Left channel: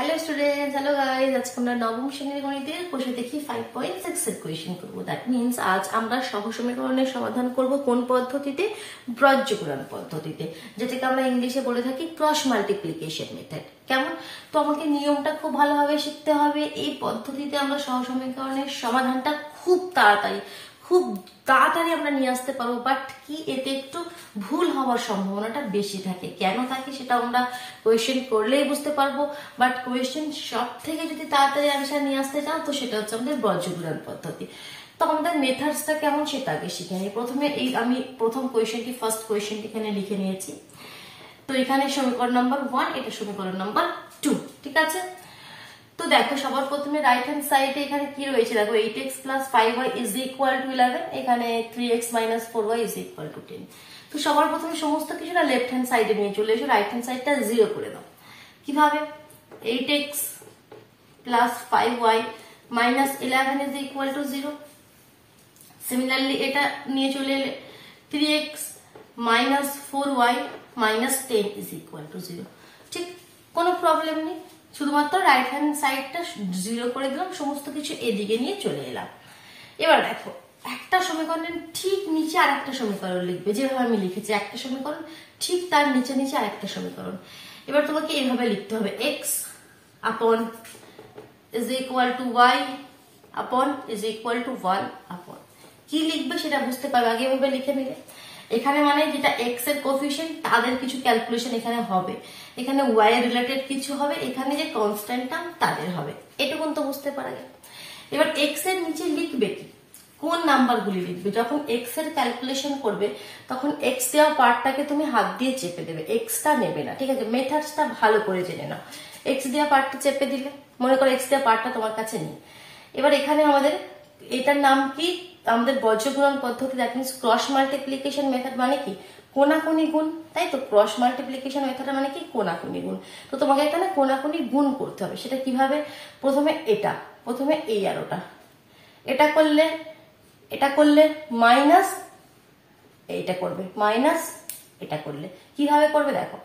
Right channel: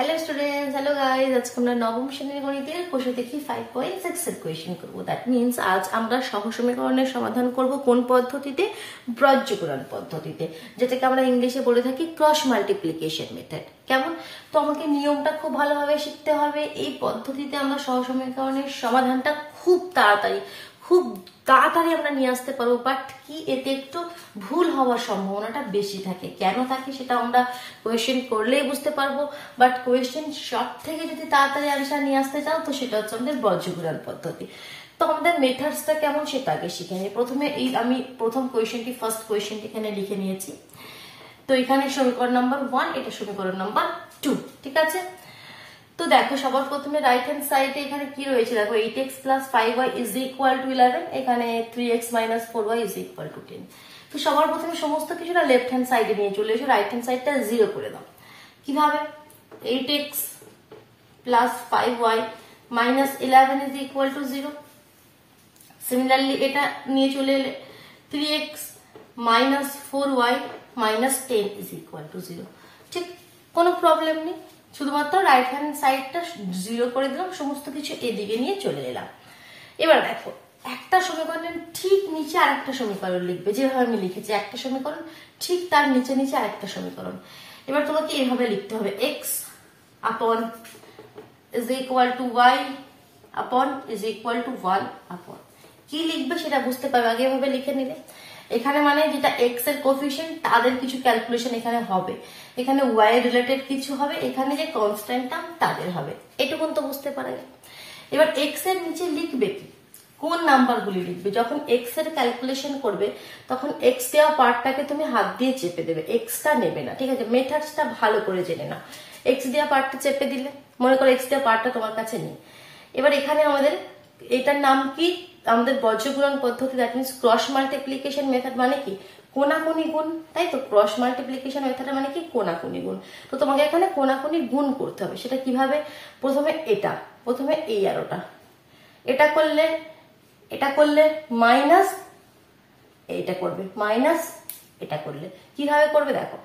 Hello students, hello guys. আজকে আমরা নবম শ্রেণীর গণিতের কোষে দেখি 5.6 এর কোয়েশ্চেন করবো। দ্যাট মিনস আজ আমরা সহসমীকরণের সমাধান করব কোন পদ্ধতিতে? ব্রজ্যকরণ পদ্ধতিতে, যেটাকে আমরা ইংলিশে বলে থাকি ক্রস মাল্টিপ্লিকেশন মেথড। কেমন? তো আমাকে নিয়মটা খুব ভালোভাবে শিখতে হবে। এই পদ্ধতিতে আমরা সহসমীকরণের সমাধানটা খুব তাড়াতাড়ি আমরা নিয়ে আসতে পারবো, বাট কি এতে একটু ভুল হওয়ার সম্ভাবনাটা বেশি থাকে। কেন থাকে সেটা আমরা কোয়েশ্চেন করলেই বুঝতে পারবো, বাট কোয়েশ্চেন সব থেকে যদি তাড়াতাড়ি অ্যান্সার নিয়ে আসতে চাও তো সেটা হচ্ছে আমাদের ব্রজ্যকরণ পদ্ধতি। তো আমাদের মেথডসটা কেমন সেটা আগে শিখে নিই। প্রথমে আমি প্রথম কোয়েশ্চেনটি, ফার্স্ট কোয়েশ্চেনটি এখানে লিখে নিয়েছি। তো এখানে সমীকরণ নাম্বার 1, এটা সমীকরণ নাম্বার 2, ঠিক আছে। তো দেখো, সবার প্রথমে রাইট হ্যান্ড সাইডে এখানে কি রয়েছে দেখো, 8x plus 5y is equal to 11, এখানে 3x minus 4y is equal to 10। তো সবার প্রথমে সমস্ত কিছুটা লেফট হ্যান্ড সাইডে নিয়ে চলে এসো, রাইট হ্যান্ড সাইডটা 0 করে দাও। কিভাবে? 8x plus 5y minus 11 is equal to 0। Similarly এটা নিয়ে চলে এলে 3x minus 4y minus 10 is equal to 0। ঠিক, কোনো প্রবলেম নেই, শুধুমাত্র রাইট হ্যান্ড সাইডটা 0 করে দিলাম, সমস্ত কিছু এদিকে নিয়ে চলে এলাম। এবার দেখো, একটা সমীকরণের ঠিক নিচে আরেকটা সমীকরণ লিখবে, যেভাবে আমি লিখেছি একটা সমীকরণ, ঠিক তার নিচে নিচে আরেকটা সমীকরণ। এবার তোমাকে এইভাবে লিখতে হবে, x upon is equal to y upon is equal to 1 upon। কি লিখবে সেটা বুঝতে পারবে, আগে এভাবে লিখে নিলে। এখানে মানে যেটা এক্স এর কোফিশিয়েন্ট তাদের কিছু ক্যালকুলেশন এখানে হবে, এখানে ওয়াই এর রিলেটেড কিছু হবে, এখানে যে কনস্ট্যান্ট টার্ম তাদের হবে, এটুকু তো বুঝতে পারবে। এবার এক্স এর নিচে লিখবে কি, কোন নাম্বারগুলি লিখবে? যখন এক্স এর ক্যালকুলেশন করবে তখন এক্স দেওয়া পার্টটাকে তুমি হাত দিয়ে চেপে দেবে, এক্সটা নেবে না, ঠিক আছে। মেথডসটা ভালো করে জেনে না। এক্স দেওয়া পার্টটা চেপে দিলে, মনে করো এক্স দেওয়া পার্টটা তোমার কাছে নেই। এবার এখানে আমাদের এটার নাম কি? আমাদের ব্রজ্যকরণ পদ্ধতি, that means cross multiplication method. মানে কি? কোনাকুনি গুণ, তাই তো। ক্রস মাল্টিপ্লিকেশন মেথড মানে কি? কোনাকুনি গুণ। তো তোমাকে এখানে কোনাকুনি গুণ করতে হবে। সেটা কিভাবে? প্রথমে এই আরোটা, এটা করলে মাইনাস, এইটা করবে মাইনাস, এটা করলে কিভাবে করবে দেখো।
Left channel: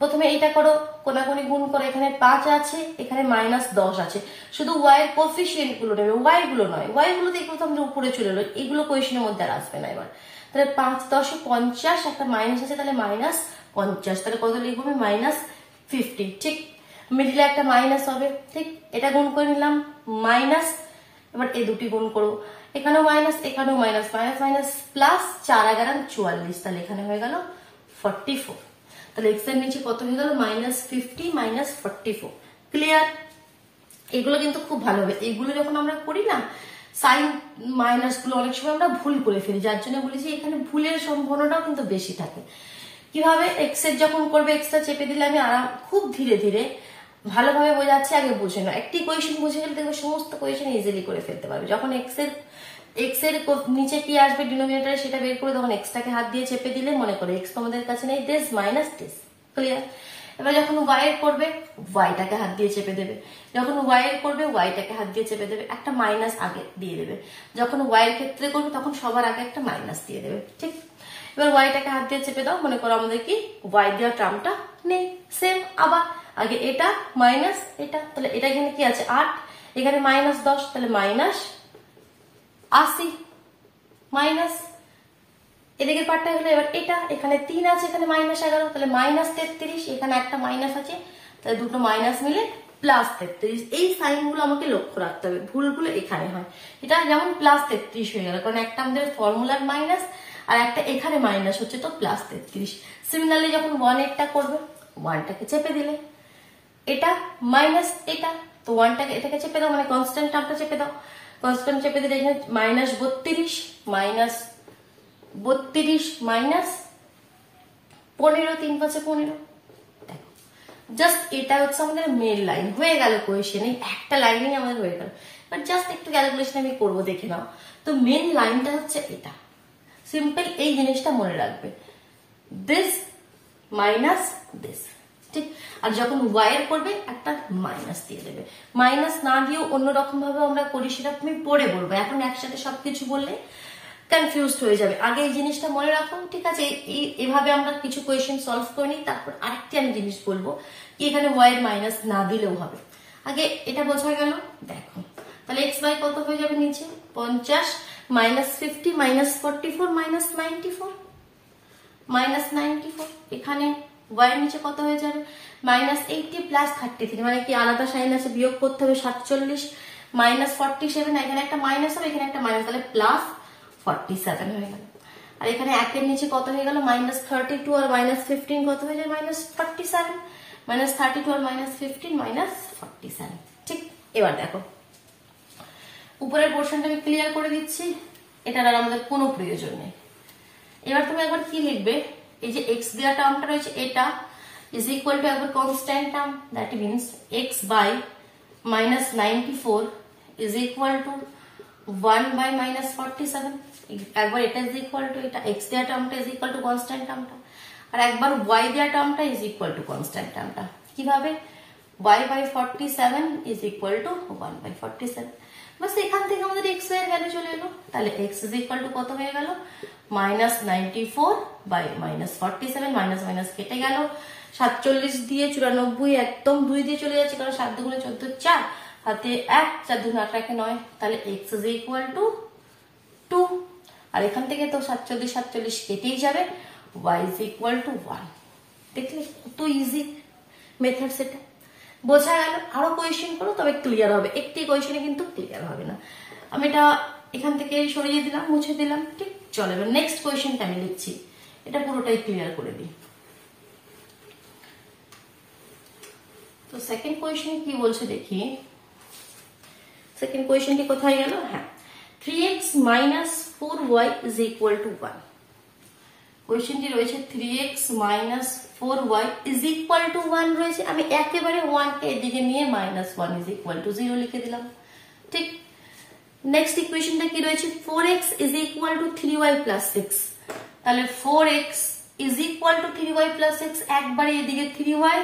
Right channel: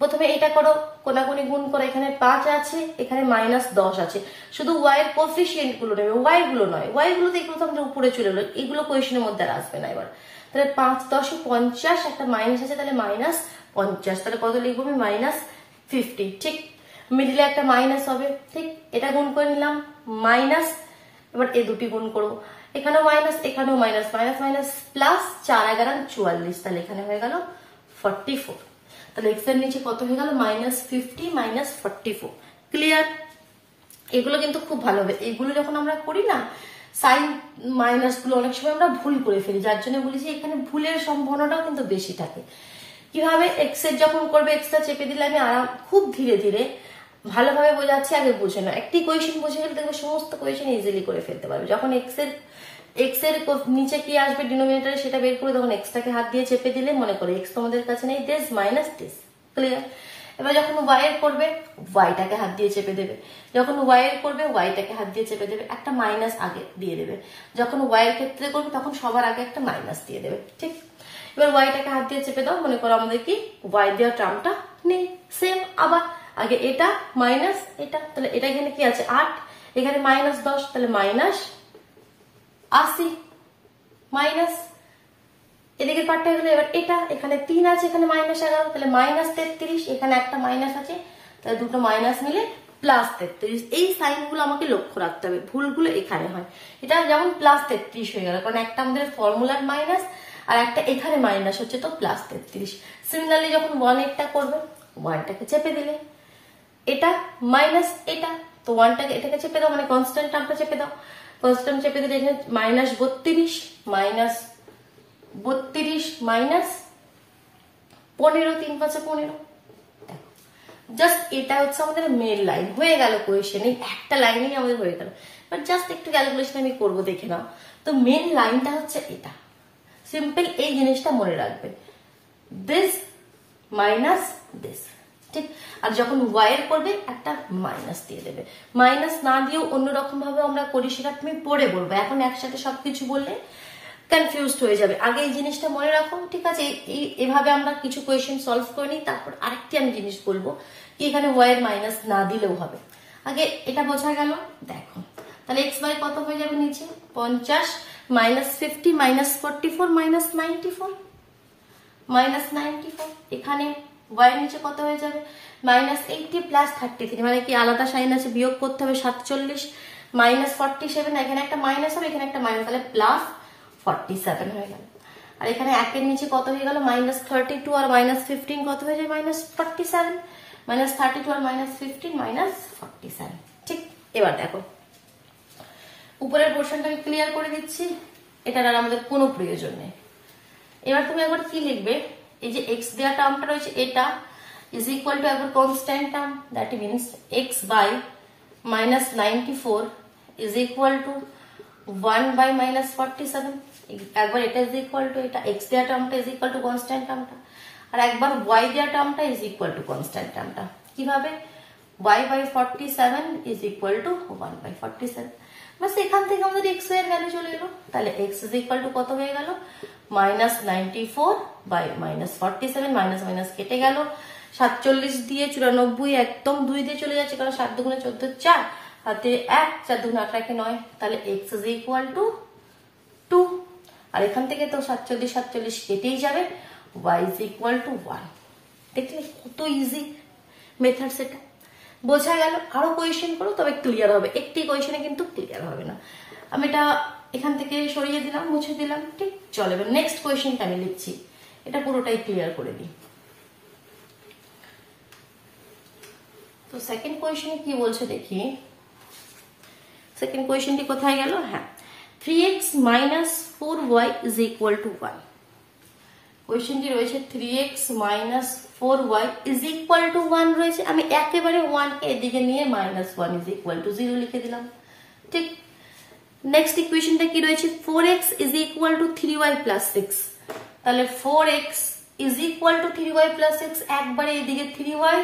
প্রথমে এইটা করো, কোনাকুনি গুণ করো, এখানে 5 আছে, এখানে -10 আছে। শুধু ওয়াই এর কোফিশিয়েন্ট গুলো নেবে, ওয়াই গুলো নয়। ওয়াই গুলো দেখো তোমরা উপরে চলে এলো, এগুলো কোয়েশনের মধ্যে আর আসবে না। এবার তাহলে 5 10 50, একটা মাইনাস আছে, তাহলে -50, তাহলে কত লিখবো আমি? -50। ঠিক, মিডিলে একটা মাইনাস হবে, ঠিক। এটা গুণ করে নিলাম, মাইনাস। এবার এই দুটি গুণ করবো, এখানেও মাইনাস, এখানেও মাইনাস, মাইনাস মাইনাস প্লাস, 4 11 44, তাহলে এখানে হয়ে গেল 44। তাহলে এক্স এর নিচে কত হয়ে গেল? -50 -44। ক্লিয়ার? এগুলো কিন্তু খুব ভালো হবে। এগুলো যখন আমরা করি না, সাইন মাইনাস গুলো অনেক সময় আমরা ভুল করে ফেলি, যার জন্য বলি যে এখানে ভুলের সম্ভাবনাটাও কিন্তু বেশি থাকে। কিভাবে? এক্স এর যখন করবে, এক্সটা চেপে দিলে আমি খুব ধীরে ধীরে ভালোভাবে বোঝাচ্ছি, আগে বুঝে না। একটি কোয়েশন বুঝে গেলে দেখবে সমস্ত কোয়েশন ইজিলি করে ফেলতে পারবে। যখন এক্স এর নিচে কি আসবে ডিনোমিনেটরে সেটা বের করে তখন এক্সটাকে হাত দিয়ে চেপে দিলে, মনে করে এক্স তোমাদের কাছে নেই, দিস মাইনাস দিস। ক্লিয়ার? এবার যখন ওয়াই এর করবে, ওয়াইটাকে হাত দিয়ে চেপে দেবে। যখন ওয়াই এর করবে, ওয়াইটাকে হাত দিয়ে চেপে দেবে, একটা মাইনাস আগে দিয়ে দেবে। যখন ওয়াই এর ক্ষেত্রে করবে তখন সবার আগে একটা মাইনাস দিয়ে দেবে, ঠিক। এবার ওয়াইটাকে হাত দিয়ে চেপে দাও, মনে করো আমাদের কি ওয়াই দেওয়ার টার্মটা নেই। সেম আবার আগে এটা মাইনাস এটা, তাহলে এটা এখানে কি আছে? 8, এখানে -10, তাহলে -80 মাইনাস, এদিকে পার্টটা গেল। এবার এটা এখানে 3 আছে, এখানে -11, তাহলে -33, এখানে একটা মাইনাস আছে, তাহলে দুটো মাইনাস মিলে +33। এই সাইন গুলো আমাকে লক্ষ্য রাখতে হবে, ভুলগুলো এখানে হয়। এটা যেমন +33 হয়ে গেল, কারণ একটা আমাদের ফর্মুলার মাইনাস আর একটা এখানে মাইনাস হচ্ছে, তো +33। সিমিলারলি যখন 1 এরটা করবে, 1টাকে চেপে দিলে, এটা মাইনাস এটা, তো 1টাকে এটাকে চেপে দাও, মানে কনস্ট্যান্ট টার্মটা চেপে দাও। কনস্ট্যান্ট চেপে দিলে এখানে -32 মাইনাস 15, 3 5 15। জাস্ট এটা হচ্ছে আমাদের মেন লাইন, হয়ে গেল কোয়েশন। এই একটা লাইনেই আমাদের হয়ে গেল। বাট জাস্ট একটু ক্যালকুলেশন আমি করবো, দেখে নাও। তো মেন লাইনটা হচ্ছে এটা, সিম্পল। এই জিনিসটা মনে রাখবে, দিস মাইনাস দিস, ঠিক। আর যখন ওয়াই এর করবে একটা মাইনাস দিয়ে দেবে। মাইনাস না দিয়েও অন্যরকম ভাবে আমরা করি, সেটা তুমি পরে বলবো। এখন একসাথে সবকিছু বললে কনফিউজড হয়ে যাবে। আগে এই জিনিসটা মনে রাখো, ঠিক আছে? এভাবে আমরা কিছু কোয়েশ্চেন সলভ করে নিই, তারপর আরেকটি আমি জিনিস বলবো কি এখানে ওয়াই এর মাইনাস না দিলেও হবে। আগে এটা বোঝা গেল। দেখো তাহলে এক্স বাই কত হয়ে যাবে নিচে 50 মাইনাস 50 মাইনাস 44 মাইনাস 94 মাইনাস 94। এখানে ওয়াই এর নিচে কত হয়ে যাবে মাইনাস 80 প্লাস 33, মানে কি আলাদা সাইন আছে, বিয়োগ করতে হবে 47 মাইনাস 47, এখানে একটা মাইনাস হবে এখানে একটা মাইনাস, তাহলে প্লাস 47 হয়ে গেল। আর এখানে একের নিচে কত হয়ে গেল মাইনাস 32 আর মাইনাস 15 কত হয়ে যায় মাইনাস 47, মাইনাস 32 আর মাইনাস 15 মাইনাস 47। ঠিক, এবার দেখো উপরের পোর্শনটা আমি ক্লিয়ার করে দিচ্ছি, এটার আর আমাদের কোনো প্রয়োজন নেই। এবার তুমি একবার কি লিখবে, এই যে এক্স দেওয়া টার্মটা রয়েছে এটা ইজ ইকুয়াল টু একবার constant term, that means x by minus 94 is equal to 1 by minus 47। একবার এটা ইজ ইকুয়াল টু এটা এক্স দেওয়া টার্মটা ইজ ইকুয়াল টু কনস্ট্যান্ট টার্মটা, আর একবার ওয়াই দেওয়া টার্মটা ইজ ইকুয়াল টু কনস্ট্যান্ট টার্মটা। কিভাবে y by 47 is equal to 1 by 47, বাস এখান থেকে আমাদের x এর ভ্যালু চলে এলো। তাহলে x ইজ ইকুয়াল টু কত হয়ে গেল minus 94 by minus 47, minus minus কেটে গেল, 47 দিয়ে 94 একদম 2 দিয়ে চলে যাচ্ছে, কারণ 7 দুগুণে 14 4 হাতে 1 4 দুগুণে 8 একে 9, তাহলে x ইজ ইকুয়াল টু 2। আর এখান থেকে তো 47 47 কেটেই যাবে, y ইজ ইকুয়াল টু 1। দেখলে কত ইজি মেথড, সেটা বোঝা গেল। আরো কোয়েশ্চেন করো তবে ক্লিয়ার হবে, একটি কোয়েশ্চেনে কিন্তু ক্লিয়ার হবে না। আমি এটা এখান থেকে সরিয়ে দিলাম, মুছে দিলাম। ঠিক, চলো এবার নেক্সট কোয়েশ্চেনটা আমি লিখছি, এটা পুরোটাই ক্লিয়ার করে দিই। তো সেকেন্ড কোয়েশ্চেনে কি বলছে দেখি, সেকেন্ড কোয়েশ্চেনটি কোথায় গেল, হ্যাঁ 3x minus 4y is equal to 1। কোয়েশ্চেনটি রয়েছে 3x minus 4y is equal to 1 রয়েছে, আমি একেবারে 1 কে এদিকে নিয়ে মাইনাস 1 ইজ ইকুয়াল টু 0 লিখে দিলাম। ঠিক, নেক্সট ইকুয়েশনটা কি রয়েছে 4x is equal two 3y plus 6, তাহলে 4x is equal two 3y plus 6, একবারে এদিকে 3y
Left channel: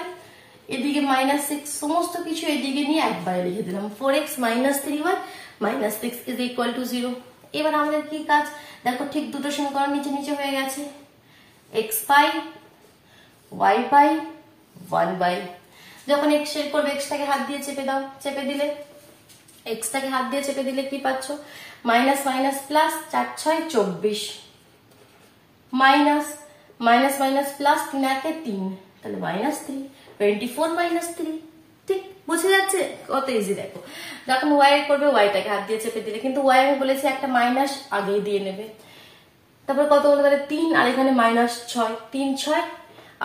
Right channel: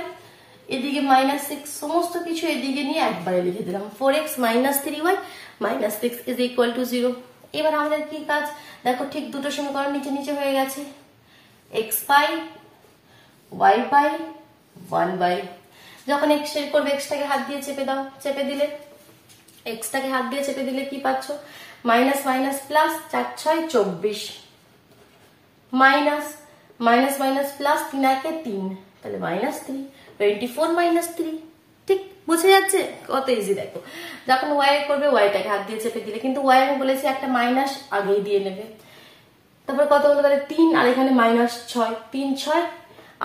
এদিকে মাইনাস 6, সমস্ত কিছু এদিকে নিয়ে একবারে লিখে দিলাম 4x minus 3y minus 6 is equal to 0। এবার আমাদের কি কাজ দেখো, ঠিক দুটো সমীকরণ নিচে নিচে হয়ে গেছে, x by y by 1 by, যখন x এর করবে x টাকে হাত দিয়ে চেপে দাও, চেপে দিলে x টাকে হাত দিয়ে চেপে দিলে কি পাচ্ছ minus minus plus 4 6 24 minus minus minus plus 3 একে 3, তাহলে মাইনাস 3 24 মাইনাস 3। ঠিক, বুঝে যাচ্ছে কত ইজি। দেখো যখন y এর করবে y টাকে হাত দিয়ে চেপে দিলে, কিন্তু y আমি বলেছি একটা মাইনাস আগেই দিয়ে নেবে, তারপর কত হলো তাহলে 3, আর এখানে মাইনাস 6, 3 6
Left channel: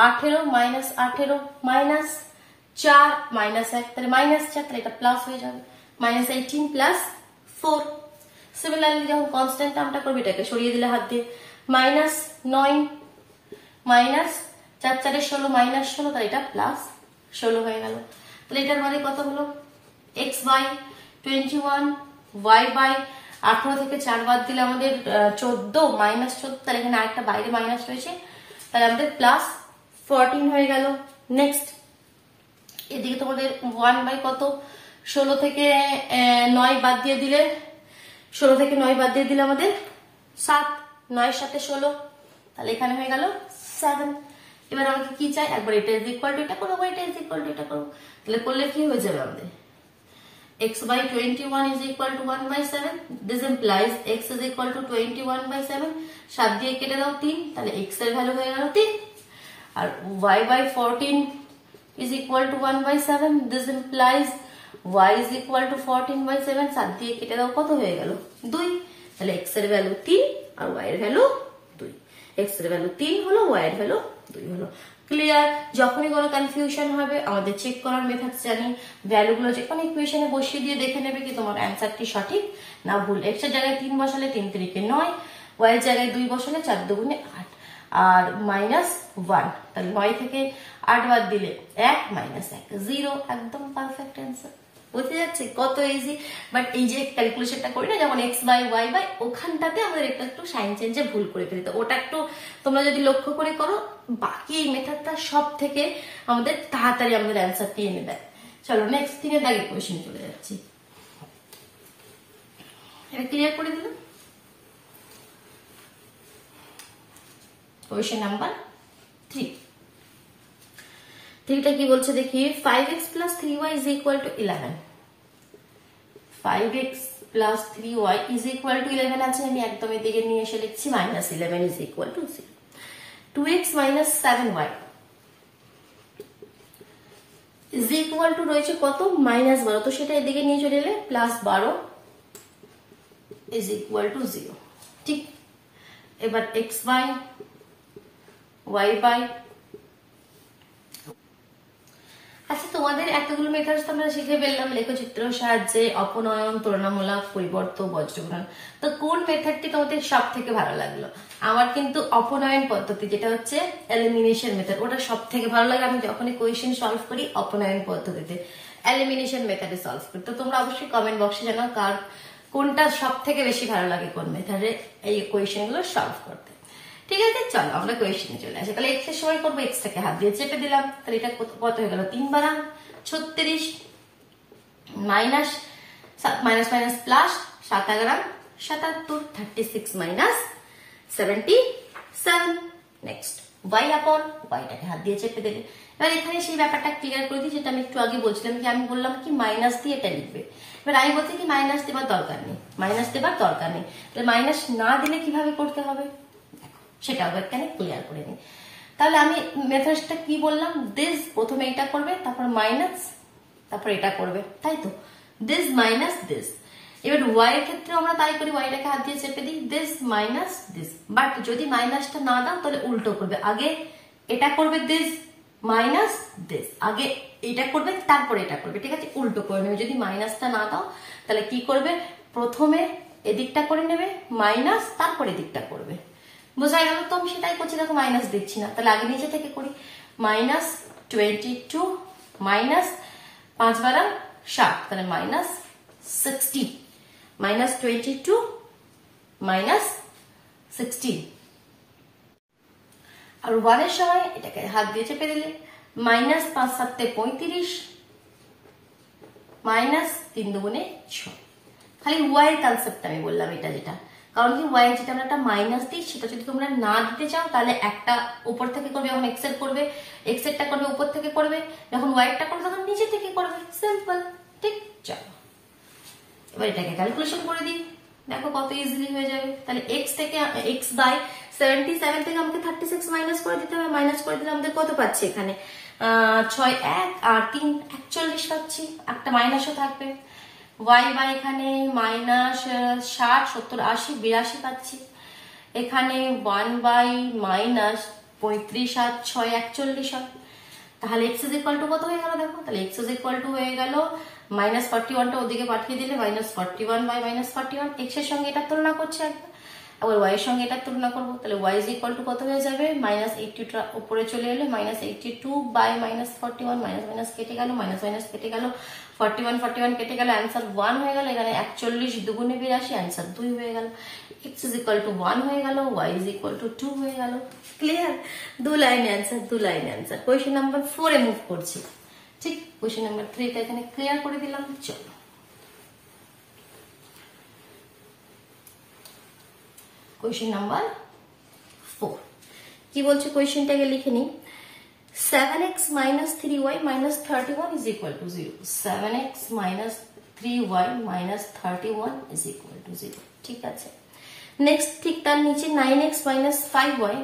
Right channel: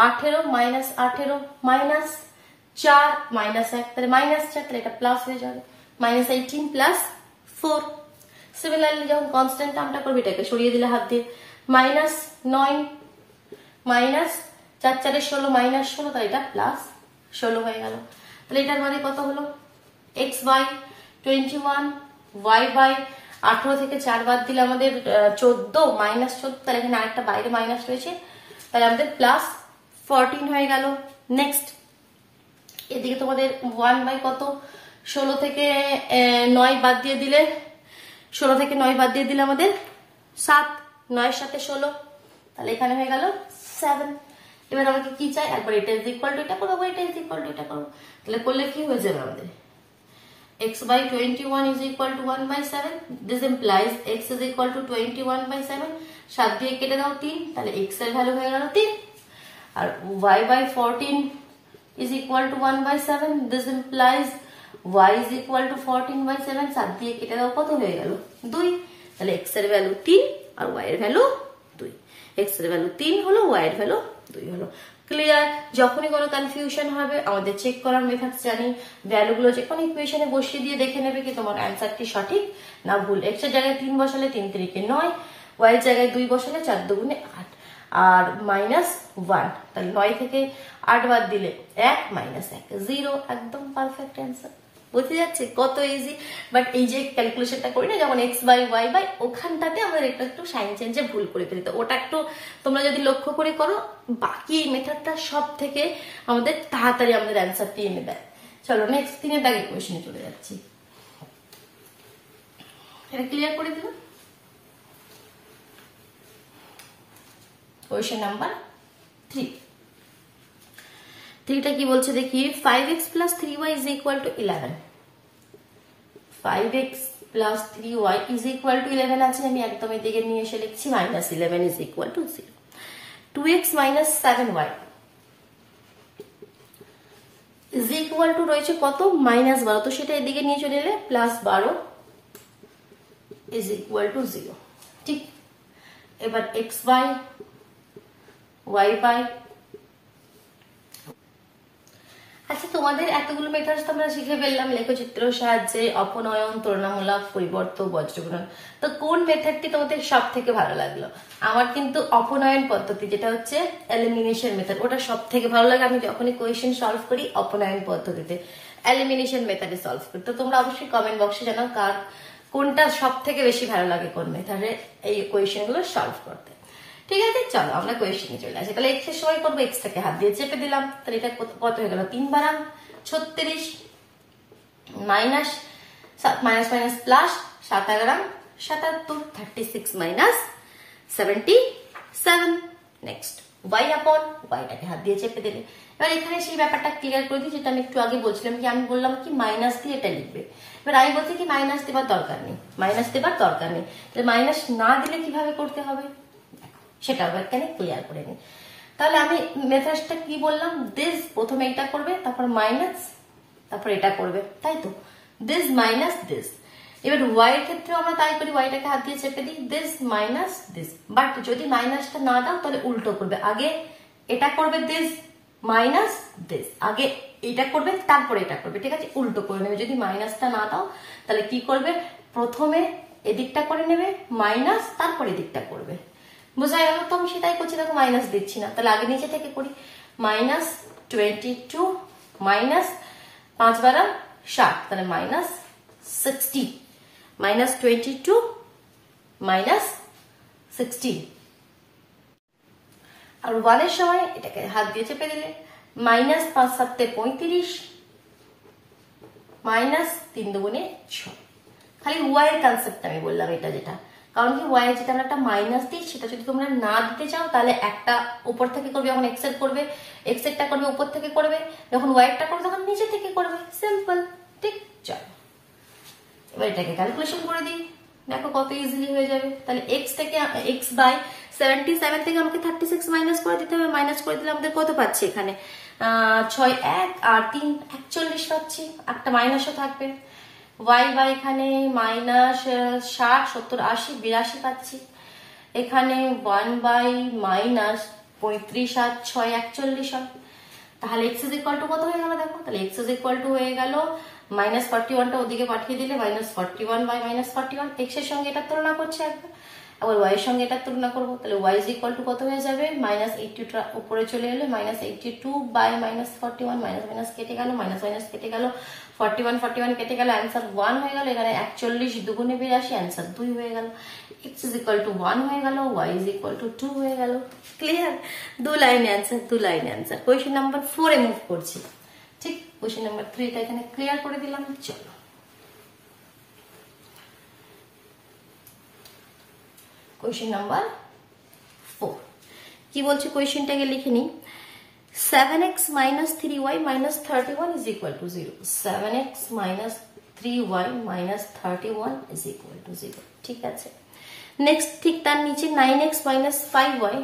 18 মাইনাস 18 মাইনাস 4 মাইনাস 1, তাহলে মাইনাস 4, তাহলে এটা প্লাস হয়ে যাবে মাইনাস 18 প্লাস 4। সিমিলারলি যখন কনস্ট্যান্ট টার্মটা করবে এটাকে সরিয়ে দিলে হাত দিয়ে মাইনাস 9 মাইনাস 4 4 16 মাইনাস 16, তাহলে এটা প্লাস 16 হয়ে গেল। তাহলে এটার মানে কত হলো x বাই 21 y বাই 18 থেকে 4 বাদ দিলে আমাদের 14 মাইনাস 14, তাহলে এখানে আরেকটা বাইরে মাইনাস রয়েছে, তাহলে আমাদের প্লাস 14 হয়ে গেল। নেক্সট এদিকে তোমাদের 1 বাই কত 16 থেকে 9 বাদ দিয়ে দিলে, 16 থেকে 9 বাদ দিয়ে দিলে আমাদের 7, 9 এর সাথে 16, তাহলে এখানে হয়ে গেল 7। এবার আমাকে কি চাই, একবার এটা ইজ ইকুয়াল টু এটা করবো, এটা ইজ ইকুয়াল টু এটা করবো, তাহলে করলে কি হয়ে যাবে আমাদের x by 21 is equal to 1 by 7, this implies x is equal to 21 by 7, 7 দিয়ে কেটে দাও 3, তাহলে x এর ভ্যালু হয়ে গেল 3, আর y by 14 is equal to 1 by 7, this implies y is equal to 14 by 7, 7 দিয়ে কেটে দাও কত হয়ে গেল 2, তাহলে x এর ভ্যালু 3 আর y এর ভ্যালু 2, x এর ভ্যালু 3 হলো, y এর ভ্যালু 2 হলো। ক্লিয়ার? যখনই কোনো কনফিউশন হবে আমাদের চেক করার মেথড জানি, ভ্যালুগুলো যে কোনো ইকুয়েশনে বসিয়ে দিয়ে দেখে নেবে কি তোমার অ্যান্সারটি সঠিক না ভুল। x এর জায়গায় 3 বসালে 3 3 9, y এর জায়গায় 2 বসালে 4 2 8, আর মাইনাস 1, তাহলে 9 থেকে 8 বাদ দিলে 1 মাইনাস 1 0, একদম পারফেক্ট অ্যান্সার। বুঝতে যাচ্ছে কত ইজি। বাট এই যে ক্যালকুলেশনটা করি না যখন x বাই y বাই, ওখানটাতে আমাদের একটু সাইন চেঞ্জে ভুল করে ফেলি, তো ওটা একটু তোমরা যদি লক্ষ্য করে করো, বাকি মেথডটা সব থেকে আমাদের তাড়াতাড়ি আমাদের অ্যান্সারটি এনে দেয়। চলো নেক্সট 3 এর দাগের কোয়েশ্চেনে চলে যাচ্ছি। এটা ক্লিয়ার করে দিলাম। কোয়েশ্চেন নাম্বার 3 থ্রিটা কি বলছে দেখি 5x plus 3y is equal to 11 5x plus 3y is equal to 11 আছে আমি একদম এদিকে নিয়ে এসে লিখছি minus 11 is equal to 0 2x minus 7y is equal to রয়েছে কত minus 12 তো সেটা এদিকে নিয়ে চলে এলে plus 12 is equal to 0 ঠিক এবার x by y by আচ্ছা তোমাদের এতগুলো মেথডস তোমরা শিখে ফেললাম লেখচিত্রের সাহায্যে অপনয়ন তুলনামূলক পরিবর্তন বজ্রগুণন তো কোন মেথডটি তোমাদের সব থেকে ভালো লাগলো আমার কিন্তু অপনয়ন পদ্ধতি যেটা হচ্ছে এলিমিনেশন মেথড ওটা সব থেকে ভালো লাগে আমি যখনই কোয়েশ্চেন সলভ করি অপনয়ন পদ্ধতিতে এলিমিনেশন মেথডে সলভ করি তো তোমরা অবশ্যই কমেন্ট বক্সে জানাও কার কোনটা সব থেকে বেশি ভালো লাগে কোন মেথডে এই কোয়েশ্চেন গুলো সলভ করতে ঠিক আছে চলো আমরা কোয়েশ্চেনে চলে আসি তাহলে এক্স এর সময় করবো এক্স থেকে হাত দিয়ে চেপে দিলাম তাহলে এটা কত হয়ে গেল 3 বারাং 36 minus minus minus plus 7 11 77 36 minus 77 next y আপন yটাকে হাত দিয়ে চেপে দেবে এবার এখানে সেই ব্যাপারটা ক্লিয়ার করে দিই যেটা আমি একটু আগে বলছিলাম যে আমি বললাম কি মাইনাস দিয়ে এটা লিখবে এবার আমি বলছি কি মাইনাস দেবার দরকার নেই তাহলে মাইনাস না দিলে কিভাবে করতে হবে সেটা এখানে ক্লিয়ার করে নিই তাহলে আমি মেথডটা কি বললাম দিস প্রথমে এটা করবে তারপর মাইনাস তারপর এটা করবে তাই তো দিস মাইনাস দিস এবার y এর ক্ষেত্রে আমরা তাই করি yটাকে হাত দিয়ে চেপে দিই দিস মাইনাস দিস বাট যদি মাইনাসটা না দাও তাহলে উল্টো করবে আগে এটা করবে দিস মাইনাস দিস আগে এটা করবে তারপর এটা করবে ঠিক আছে উল্টো করে নেবে যদি মাইনাসটা না দাও তাহলে কি করবে প্রথমে এদিকটা করে নেবে মাইনাস তারপর এদিকটা করবে বুঝা গেল তো আমি সেটাই করছি দেখো মাইনাস দিচ্ছি না তাহলে আগে নিচে থেকে করি মাইনাস 22 মাইনাস 5 বারা 7 তাহলে মাইনাস 60 মাইনাস 22 মাইনাস 16 আর 1 এর সময় এটাকে হাত দিয়ে চেপে দিলে মাইনাস 5 7 35 মাইনাস 3 দুগুণে 6 খালি y এর কনসেপ্ট আমি বললাম এটা যেটা কারণ কি y যেটা আমরা একটা মাইনাস দিই সেটা যদি তোমরা না দিতে চাও তাহলে একটা উপর থেকে করবে যখন x এর করবে x এরটা করবে উপর থেকে করবে যখন y এরটা করবে তখন নিচে থেকে করবে সিম্পল ঠিক চলো এবার এটাকে ক্যালকুলেশন করে দিই দেখো কত ইজিলি হয়ে যাবে তাহলে x থেকে x বাই 77 থেকে আমাকে 36 মাইনাস করে দিতে হবে মাইনাস করে দিলে আমাদের কত পাচ্ছি এখানে 6 1 আর 3 41 পাচ্ছি একটা মাইনাসও থাকবে y বাই এখানে মাইনাস 60 70 80 82 পাচ্ছি এখানে 1 বাই মাইনাস 35 আর 6 41 হয় তাহলে x ইজ ইকুয়াল টু কত হয়ে গেল দেখো তাহলে x ইজ ইকুয়াল টু হয়ে গেল মাইনাস 41 টা ওদিকে পাঠিয়ে দিলে মাইনাস 41 বাই মাইনাস 41 x এর সঙ্গে এটা তুলনা করছে একবার আবার y এর সঙ্গে এটা তুলনা করব তাহলে y ইজ ইকুয়াল টু কত হয়ে যাবে মাইনাস 82 টা উপরে চলে এলে minus 82 by minus 41 minus minus কেটে গেল মাইনাস মাইনাস কেটে গেল 41 কেটে গেল आंसर 1 হয়ে গেল এখানে 41 দুগুণে 82 आंसर 2 হয়ে গেল x ইজ ইকুয়াল টু 1 হয়ে গেল y ইজ ইকুয়াল টু 2 হয়ে গেল ক্লিয়ার দু লাইনে आंसर কোশ্চেন নাম্বার 4 এ মুভ করছি ঠিক কোশ্চেন নাম্বার 3 টা এখানে ক্লিয়ার করে দিলাম চলো কোশ্চেন নাম্বার 4 কি বলছে কোশ্চেনটাকে লিখে নি 7x minus 3y minus 31 is equal to 0 7x minus 3y minus 31 is equal to 0 ঠিক আছে নেক্সট ঠিক তার নিচে 9x minus 5y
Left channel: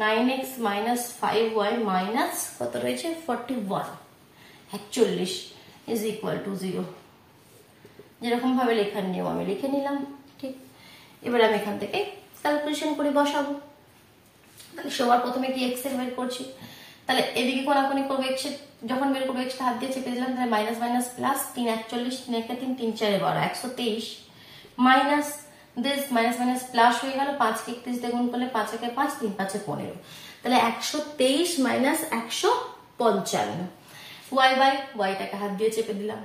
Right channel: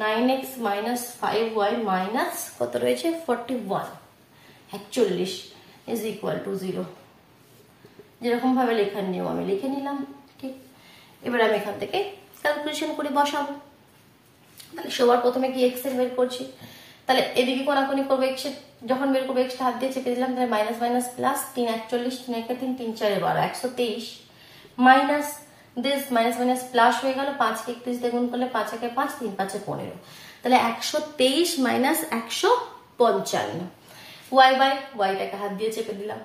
9x minus 5y minus কত রয়েছে 41 41 is equal to 0 যেরকম ভাবে লেখার নিয়ম আমি লিখে নিলাম ঠিক এবার আমি এখান থেকে ক্যালকুলেশন করে বসাবো তাহলে সবার প্রথমে কি x এর বের করছি তাহলে এদিকে কোনাকুনি করব x এর যখন বের করব x টা হাত দিয়ে চেপে দিলাম তাহলে minus minus plus 3 41 3 1 3 3 4 12 123 minus this minus minus plus হয়ে গেল 5 কে 31 দিয়ে গুণ করলে 5 একে 5 3 5 এ 15 তাহলে 123 মাইনাস 155 y বাই y টাকে হাত দিয়ে চেপে দিলাম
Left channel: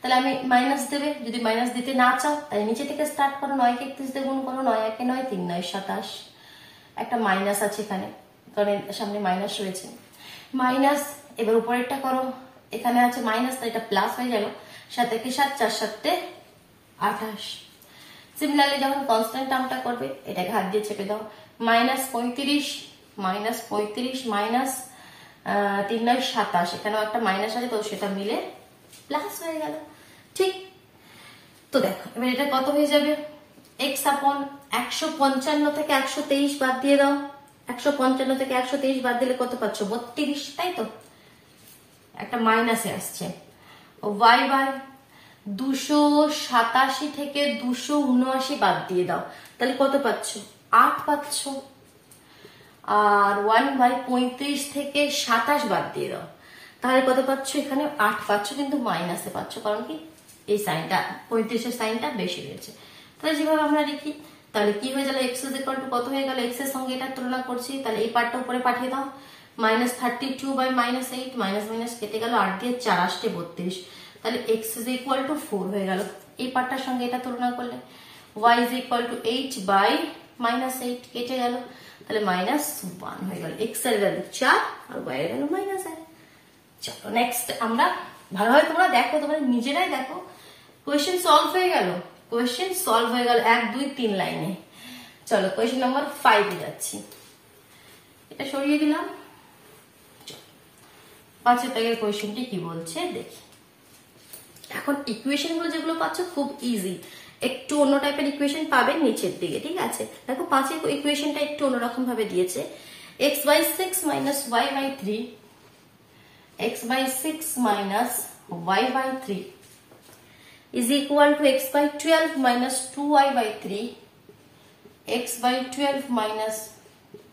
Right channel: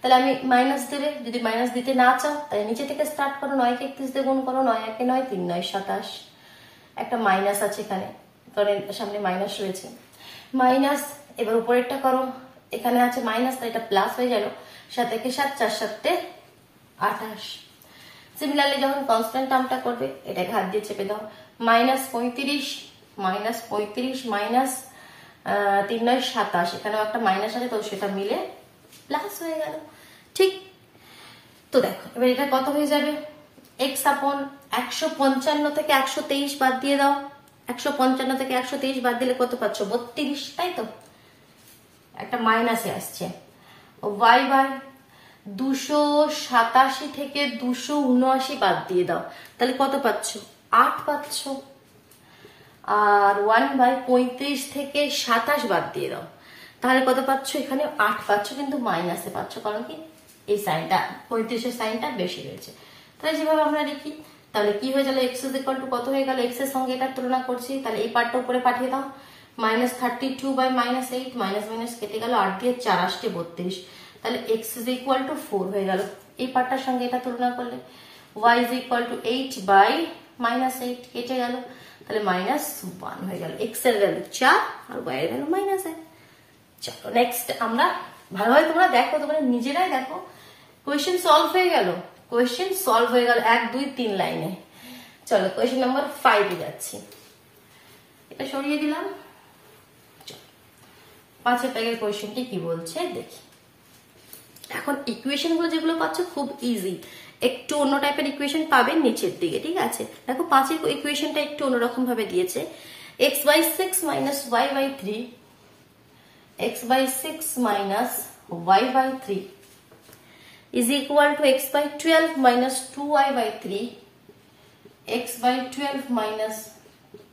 তাহলে আমি মাইনাস দেবে যদি মাইনাস দিতে না চাও তাহলে নিচে থেকে স্টার্ট করো 9 কে 31 দিয়ে গুণ করো 9 একে 9 3 9 27 একটা মাইনাস আছে এখানে কারণ সামনে মাইনাস রয়েছে মাইনাস এবার উপরেরটা করো এখানে আছে মাইনাস তাই এটা প্লাস হয়ে গেল 7 থেকে 7 4 7 28 সিমিলারলি যখন কনস্ট্যান্ট টার্মটা করবে এটাকে হাত দিয়ে চেপে দাও -35 মাইনাস 3 9 27, এখানেও একটা মাইনাস আছে তো সেটা মিলে প্লাস হয়ে গেল। ঠিক, তো দেখো এবার এটা কত হয়ে যাবে, x আপন 155 থেকে 123 বাদ দিয়ে দাও, 155 থেকে 123 বাদ দিলে কত পাচ্ছ, 32, তাই তো, একটা মাইনাসে আসছে। y বাই 287 থেকে 279 বাদ দিয়ে দাও, তাহলে কত পাচ্ছ, 8 পাচ্ছ। আর 1 বাই 35 থেকে 27 বাদ দিয়ে দাও, তাহলে কত পাচ্ছ, এখানে 8 পাচ্ছ, কিন্তু মাইনাসে পাচ্ছ, কারণ কি এই সাইনটা 35 এর সাইনটা বেশি হয়েছে। তাহলে যেভাবে আমরা লিখি, তাহলে কি হয়ে গেল, x ইজ ইকুয়াল টু কত হয়ে গেল, x এর সঙ্গে এটা তুলনা করছি, তাহলে এই পার্টটা উপরে পাঠিয়ে দাও, -32 বাই -8, মাইনাস মাইনাস কেটে গেল, 8 দিয়ে 4 আসছে 32, তাহলে x ইজ ইকুয়াল টু 4 হয়ে গেল। এই পার্টটার সঙ্গে এটা তুলনা করলে y is equal to 8 by -8 কেটে গেল, তাহলে -1 হয়ে গেল। x এর ভ্যালু 4 আর y এর ভ্যালু -1। চলো নেক্সট আমরা, ভালোভাবে তোমরা দেখো, তোমরা নিজেরাই দেখো, কোয়েশ্চেন সলভ হয়ে গেল, কোয়েশ্চেন সলভ হয়ে গেল 1 2 3 লাইনে। চলো কোয়েশ্চেন নাম্বার 5 এ যাচ্ছি, এটা সরিয়ে দিলাম। 5 পেজের কোয়েশ্চেনটি কি বলছে দেখি। এখন ইকুয়েশন গুলো যেগুলো পাচ্ছ খুব ইজি, একটু অন্য টাইপের ইকুয়েশন পাবে নিচের দিকে, ঠিক আছে। দেখো 5 এর ইকুয়েশনটা একটু অন্যরকম ভাবে দিয়েছে, x/6 minus y/3, x/6 minus y/3 is equal to x/12 minus 2y/3, x/12 minus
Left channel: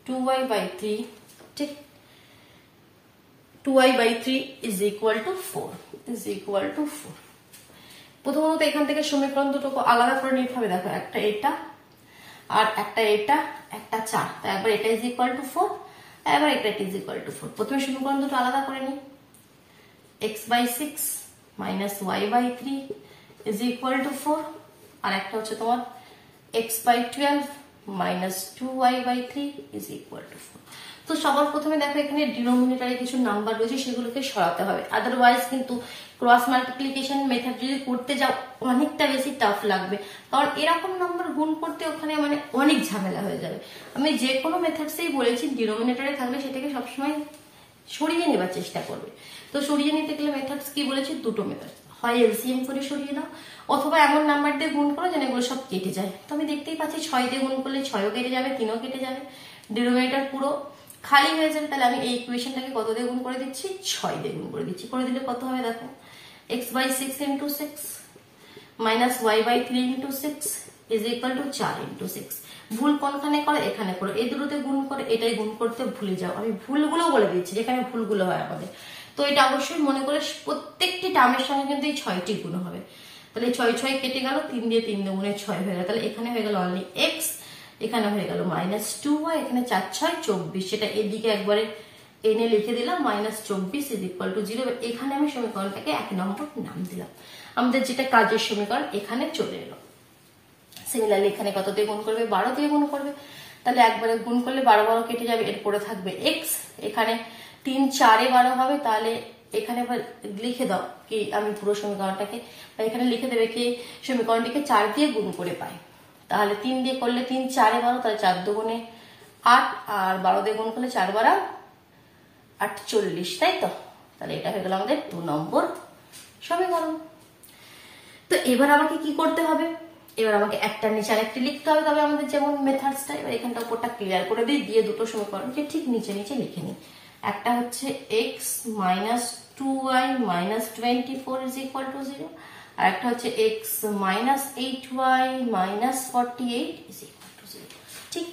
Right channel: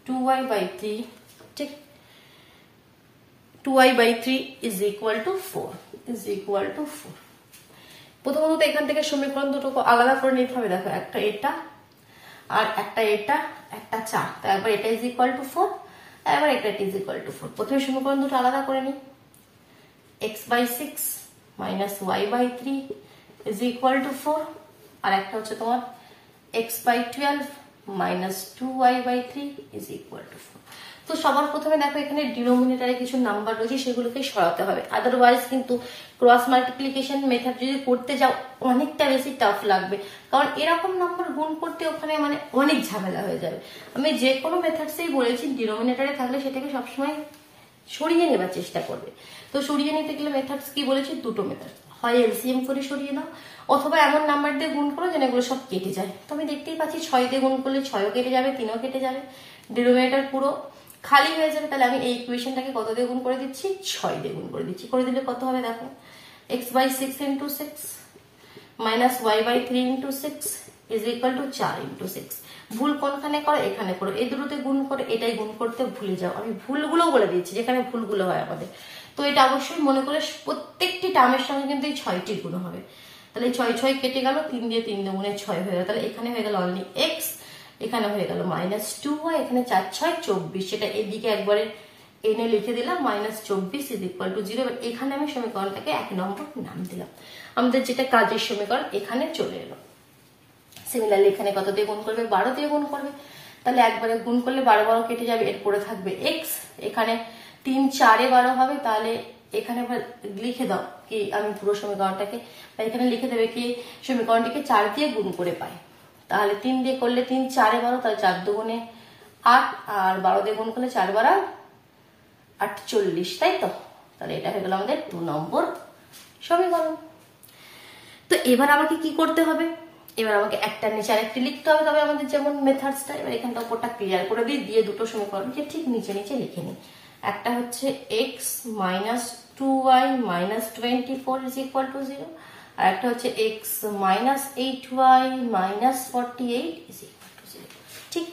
2y/3, ঠিক, 2y/3 is equal to 4, is equal to 4। প্রথমত এখান থেকে সমীকরণ দুটো আলাদা করে নিতে হবে, দেখো একটা এটা আর একটা এটা, একটা 4, তো একবার এটা is equal to 4, একবার এটা is equal to 4। প্রথমে সমীকরণ দুটো আলাদা করে নিই, x/6 minus y/3 is equal to 4, আর একটা হচ্ছে তোমার x/12 minus 2y/3 is equal to 4। তো সবার প্রথমে দেখো এখানে ডিনোমিনেটরে কিছু নাম্বার রয়েছে, সেগুলোকে সরাতে হবে, আদারওয়াইজ কিন্তু ক্রস মাল্টিপ্লিকেশন মেথড যদি করতে যাও অনেকটা বেশি টাফ লাগবে, কারণ এরকম নাম্বার গুণ করতে ওখানে মানে অনেক ঝামেলা হয়ে যাবে। আমি যে কোনো মেথডসেই বলেছি ডিনোমিনেটরে থাকলে সেটাকে সবসময় সরিয়ে নেবার চেষ্টা করবে। তো সরিয়ে নিতে গেলে মেথডস কি বলেছি, দুটো মেথড, হয় এলসিএম করে সরিয়ে দাও, অথবা এমন নাম্বার দিয়ে গুণ করো যেন এগুলো সব কেটে যায়। তো আমি দেখতেই পাচ্ছি 6 দিয়ে গুণ করলে 6ও কেটে যাবে, 3ও কেটে যাবে, ডিনোমিনেটর পুরো খালি হয়ে যাবে। তাহলে আমি এই ইকুয়েশনটাকে কত দিয়ে গুণ করে দিচ্ছি, 6 দিয়ে গুণ করে দিচ্ছি। করে দিলে কত হবে দেখো, x/6 into 6 minus y/3 into 6 is equal to 4 into 6। ভুল কোনখানে করে, এখানে করো, এই দুটোতে গুণ করে এটাই গুণ করতে ভুলে যাও। আমি ভুলগুলো বলে দিচ্ছি যেখানে ভুলগুলো হয় আমাদের, তো এটা অবশ্যই মনে করে প্রত্যেকটি টার্মের সঙ্গে কিন্তু এই 6টি গুণ হবে। তাহলে 6 6 কেটে গেল, 3 দিয়ে 3 দুগুণে 6 হয়ে গেল, তাহলে এখানে হয়ে গেল অনলি x, এখানে হয়ে গেল -2y, এখানে 4 6 24, সেটা এদিকে একবারে এনে লিখে দিলাম -24 is equal to 0। এখানে আমি সমীকরণটাকে 1 নম্বর নাম দিলাম, আমাদের যেটা কাজের সমীকরণ এখানে চলে এলো। সিমিলারলি এখানে কত দিয়ে গুণ করবে, 12 দিয়ে গুণ করবে, তাহলে একবারে গুণ করলে 12 12 কেটে যাবে, এরপরে থাকবে x, এখানে 3 4 এ 12 হবে, তাহলে এখানে লিখে দাও কি আমি পুরো সমীকরণটাকে, এখানে লিখে দেবে কি সমীকরণটিকে 4 দিয়ে গুণ করে পাই, তাহলে 3 দিয়ে করলে 3 4 এ 12, তাহলে 4 দুগুণে 8, আর 12 দিয়ে গুণ করলে 4 12 48, তাই তো। তাহলে এটা হয়ে গেল আমাদের 2 নম্বর সমীকরণ। তো এবার আমাকে কি করতে হবে, এবার আমাকে একটা নিচে আরেকটি লিখতে হবে, তবে আমাদের যেমন মেথডসটা, এবার এখানটা উপরটা ক্লিয়ার করে দিই, দিয়ে দুটো সমীকরণকে ঠিক নিচে নিচে লিখে নিই। একটা হচ্ছে x minus 2y minus 24 is equal to 0, আর একটা হচ্ছে x minus 8y minus 48 is equal to 0। ঠিক,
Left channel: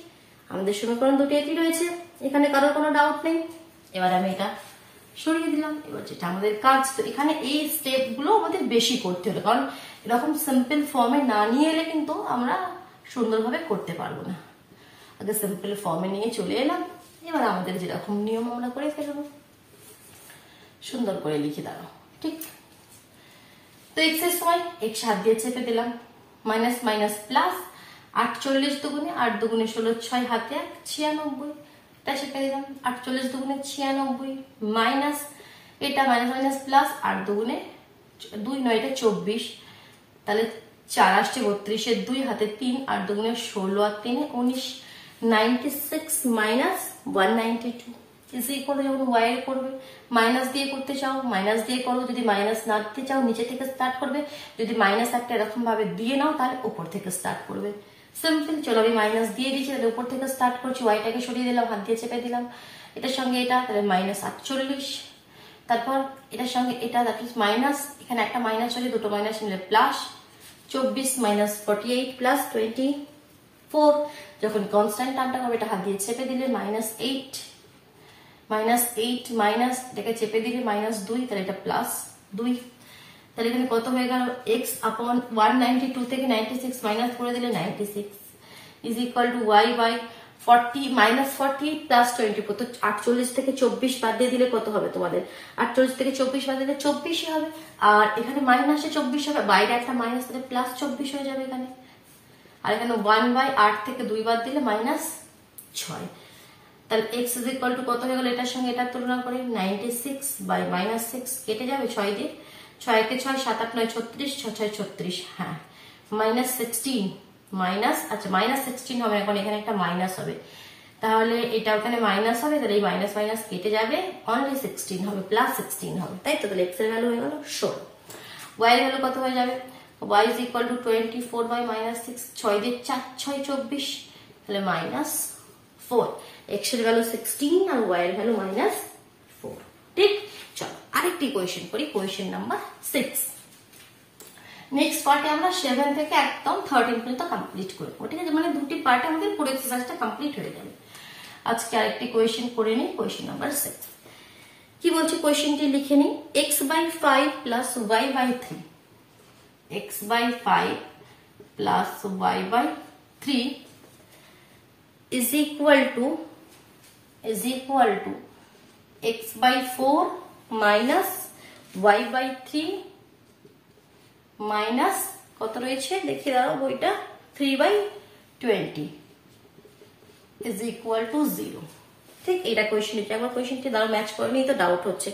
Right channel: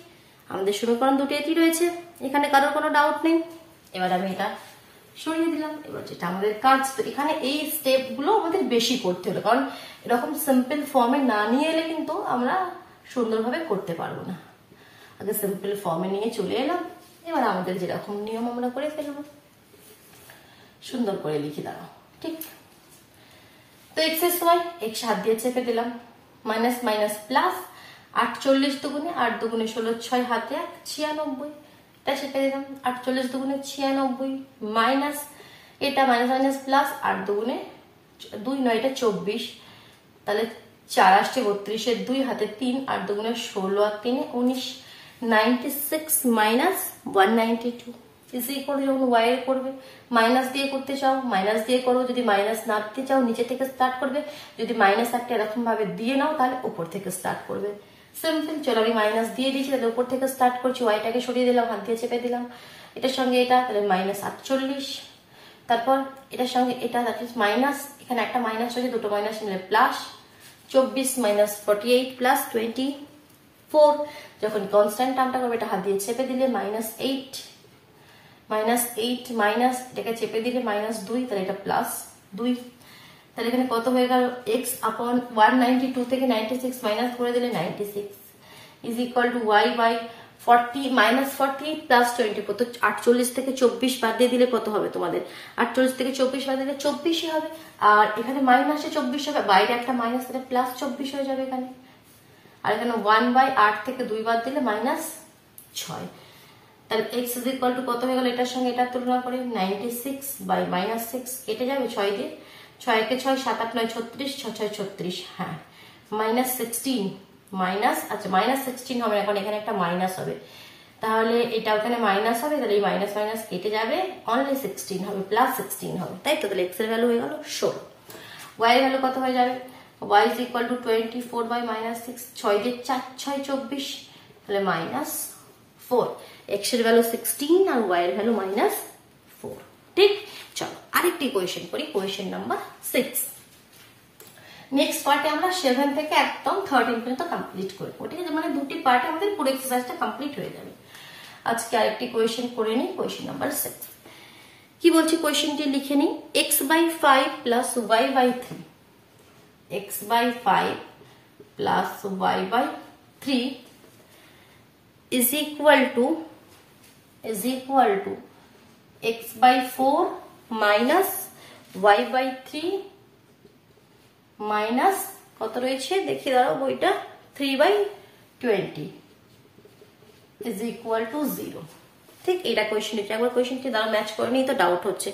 আমাদের সমীকরণ দুটি এটি রয়েছে, এখানে কারোর কোনো ডাউট নেই। এবার আমি এটা সরিয়ে দিলাম। এবার যেটা আমাদের কাজ, তো এখানে এই স্টেপ গুলো আমাদের বেশি করতে হলো, কারণ এরকম সিম্পল ফর্মে না নিয়ে এলে কিন্তু আমরা সুন্দরভাবে করতে পারবো না। আগে সিম্পল ফর্মে নিয়ে চলে এলাম, এবার আমাদের যেরকম নিয়ম আমরা করে ফেলবো, সুন্দর করে লিখে দাঁড়াও। ঠিক, তো x এর সময় x হাত দিয়ে চেপে দিলাম, মাইনাস মাইনাস প্লাস, 48 দুগুণে 8 দুগুণে 16, 6 হাতে 96, এটা চেপে দিলাম, 48 দুগুণে 96 মাইনাস, এটা মাইনাস মাইনাস প্লাস, 8 দুগুণে 2 9 এটা 24, তাহলে 4 আসছে 32 এর 2 হাতে 3, 8 দুগুণে 16 আর 3 19, 96 মাইনাস 192 ইজ ইকুয়াল টু, যখন ওয়াই এর করবে মাইনাস দিয়ে করতে চাও মাইনাস দিয়ে করো, যদি মাইনাস না দিতে চাও নিচে থেকে স্টার্ট করবে, যদি মাইনাস একটা এরকম ভাবে দিয়ে নাও তাহলে উপর থেকে স্টার্ট করবে। সিম্পল। চলো আমি মাইনাস দিয়ে দিয়েছি, তাহলে উপর থেকে স্টার্ট করছি, ওয়াইটাকে সরিয়ে দিলাম, হাত দিয়ে চেপে দিলাম, এটার সঙ্গে এটা, তাহলে মাইনাস 48, তারপর এটার সঙ্গে এটা, দ্যাট ইজ মাইনাস, এখানে একটা মাইনাস হলে দুটো মাইনাস মিলে প্লাস 24 মাইনাস 48 প্লাস 24, যখন কনস্ট্যান্ট টার্মটা করবে এটা হাত দিয়ে চেপে দিলে মাইনাস 8 মাইনাস এটাকে চেপে দিলে মাইনাস 2, তাহলে এটা প্লাস 2, তাহলে এখানে কত হয়ে গেল এক্স আপন 192 থেকে 96 মাইনাস করে দিলে 96 is equal to y by 40 minus 48 plus 24, তো 48 থেকে 24 বাদ দিয়ে দিলে কত হবে তোমাদের, 48 থেকে 24 বাদ দিলে 24ই হবে, আর এখানে মাইনাসে 24 হবে, বাইরে একটা মাইনাস তাহলে প্লাস 24 হয়ে যাবে এখানে, আর এখানে 1/8 থেকে 2 বাদ দিলে মাইনাস 6, তাহলে এক্স ইজ ইকুয়াল টু কত হয়ে গেল, এটার সঙ্গে এটা তুলনা করে 96 বাই মাইনাস 6 কেটে যাবে 6 দিয়ে, 6 কে 6 7 8 9 36, 6 6 36, হ্যাঁ মাইনাস 16 মাইনাস, আচ্ছা মাইনাস 16 হবে, এখন এখানে একটা মাইনাস হবে, তাহলে এটা ওখানে মাইনাস হবে, তাহলে এই মাইনাস মাইনাস কেটে যাবে, অনলি 16 হবে, প্লাস 16 হবে, তাই তো, তাহলে এক্স এর ভ্যালু হয়ে গেল 16, ওয়াই এর ভ্যালু কত হয়ে যাবে, y is equal to 24 by minus 6, 6 দিয়ে 4 6 24, তাহলে মাইনাস 4, এক্স এর ভ্যালু 16 আর ওয়াই এর ভ্যালু মাইনাস 4, ঠিক। চলো আরেকটি কোয়েশ্চেন করি, কোয়েশ্চেন নাম্বার 6। নেক্সট পার্টে আমরা 7 থেকে একদম 13 পর্যন্ত কমপ্লিট করবো, ঠিক আছে, মানে দুটি পার্ট আমাদের পুরো এক্সারসাইজটা কমপ্লিট হয়ে যাবে। আজকে আরেকটি কোয়েশ্চেন করে নিই, কোয়েশ্চেন নাম্বার 6। কি বলছে কোয়েশ্চেনটি লিখে নিই, x/5 plus y/3, x/5 plus y/3 is equal to x/4 minus y/3 minus কত রয়েছে দেখি দাঁড়াও বইটা, 3/20 is equal to 0, ঠিক। এটা কোয়েশ্চেন, এটা একবার কোয়েশ্চেনটি দাঁড়াও ম্যাচ করে নিই, তো ডাউট হচ্ছে,